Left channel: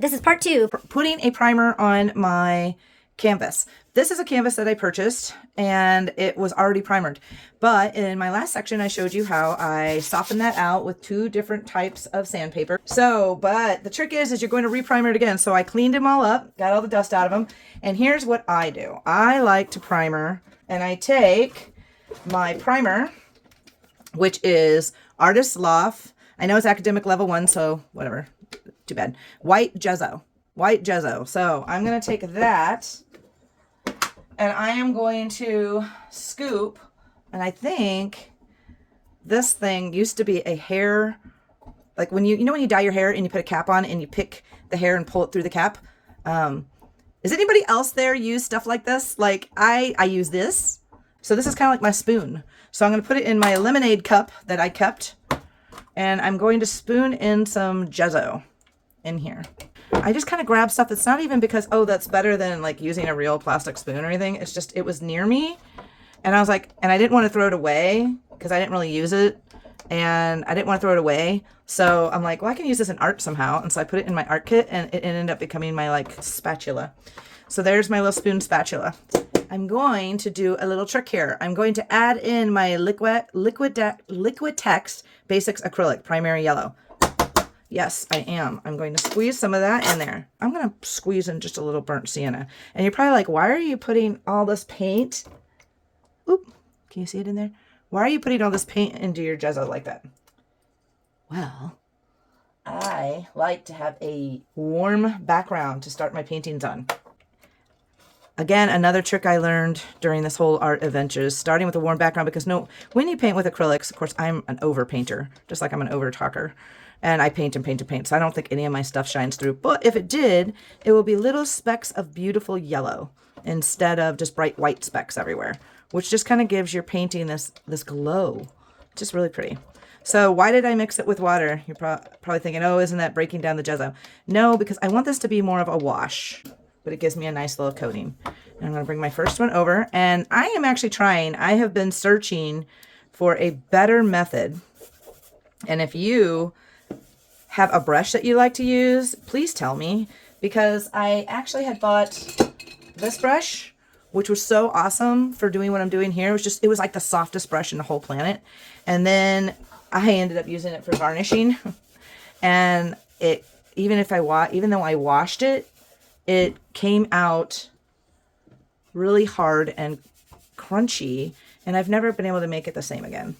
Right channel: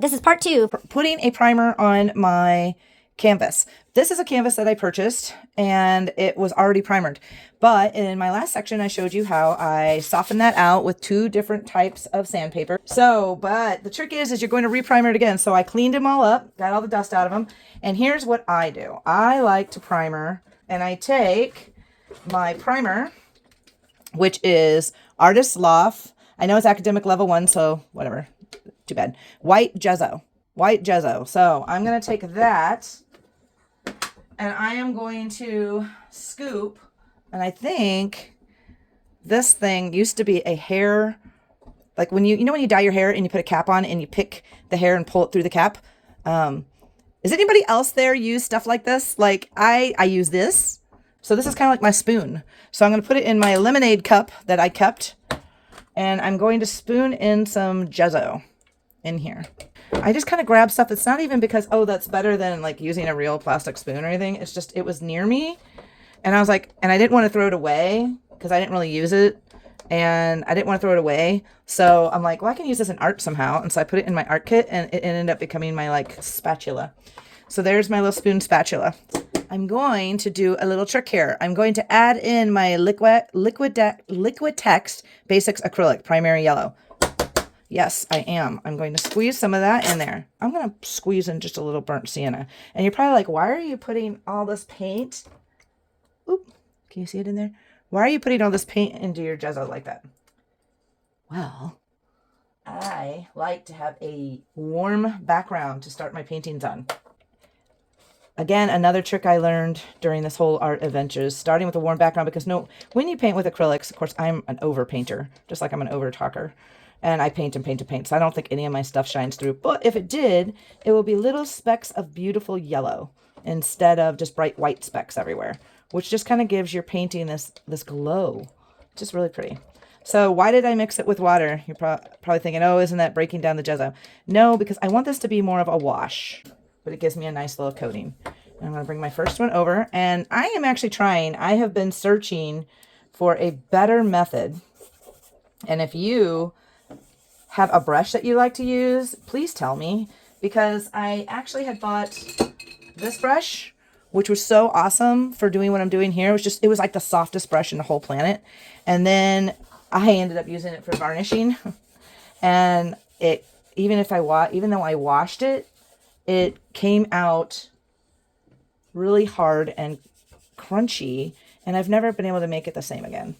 This is part two. Putting a primer on my canvas. This is a canvas that I purchased and it was already primered. But in my last section, I showed you how I softened that out with two different types of sandpaper. But the trick is you're going to reprimer it again. So I cleaned them all up, got all the dust out of them. And here's what I do. I like to primer, and I take my primer, which is Artist Loft. I know it's academic level 1, so whatever. Too bad. White Gesso. White Gesso. So I'm going to take that and I am going to scoop. And I think this thing used to be a hair, like when you know when you dye your hair and you put a cap on and you pick the hair and pull it through the cap. Does anybody else there use stuff like this? Like I use this. So this is kind of like my spoon. So I'm going to put it in my lemonade cup that I kept. And I'm going to spoon in some Gesso in here. I just kind of grab stuff. It's not even because, oh, that's better than like using a real plastic spoon or anything. It's just, it was near me. And I was like, and I didn't want to throw it away because I didn't really use it. And I didn't want to throw it away. So I'm like, well, I can use this in art somehow. And so I put it in my art kit and it ended up becoming my like spatula. So there's my little spoon spatula. I'm going to do a little trick here. I'm going to add in my Liquitex Basics Acrylic Primary Yellow. Yes, I am. I'm going to squeeze some of that in there. I'm going to squeeze in just a little burnt sienna. And you're probably like, why are you putting all this paint? Oop, can you see it in there? Why are you putting all this paint into your Gesso like that? Well, I like to have a warm background to start my paintings on. Again, another trick I learned during this whole art adventure is starting with a warm background, because when you paint with acrylics, of course, I'm an over painter, just like I'm an over talker. And I paint and paint and paint. So I don't think any of my stuff shines through. But if it did, it will be little specks of beautiful yellow instead of just bright white specks everywhere, which just kind of gives your painting this glow. Just really pretty. So why did I mix it with water? You're probably thinking, oh, isn't that breaking down the Gesso? No, because I want this to be more of a wash, but it gives me a nice little coating. And I'm going to bring my first one over. And I am actually trying. I have been searching for a better method. And if you have a brush that you like to use, please tell me, because I actually had bought this brush, which was so awesome for doing what I'm doing here. It was like the softest brush in the whole planet. And then I ended up using it for varnishing. And even though I washed it, it came out really hard and crunchy, and I've never been able to make it the same again.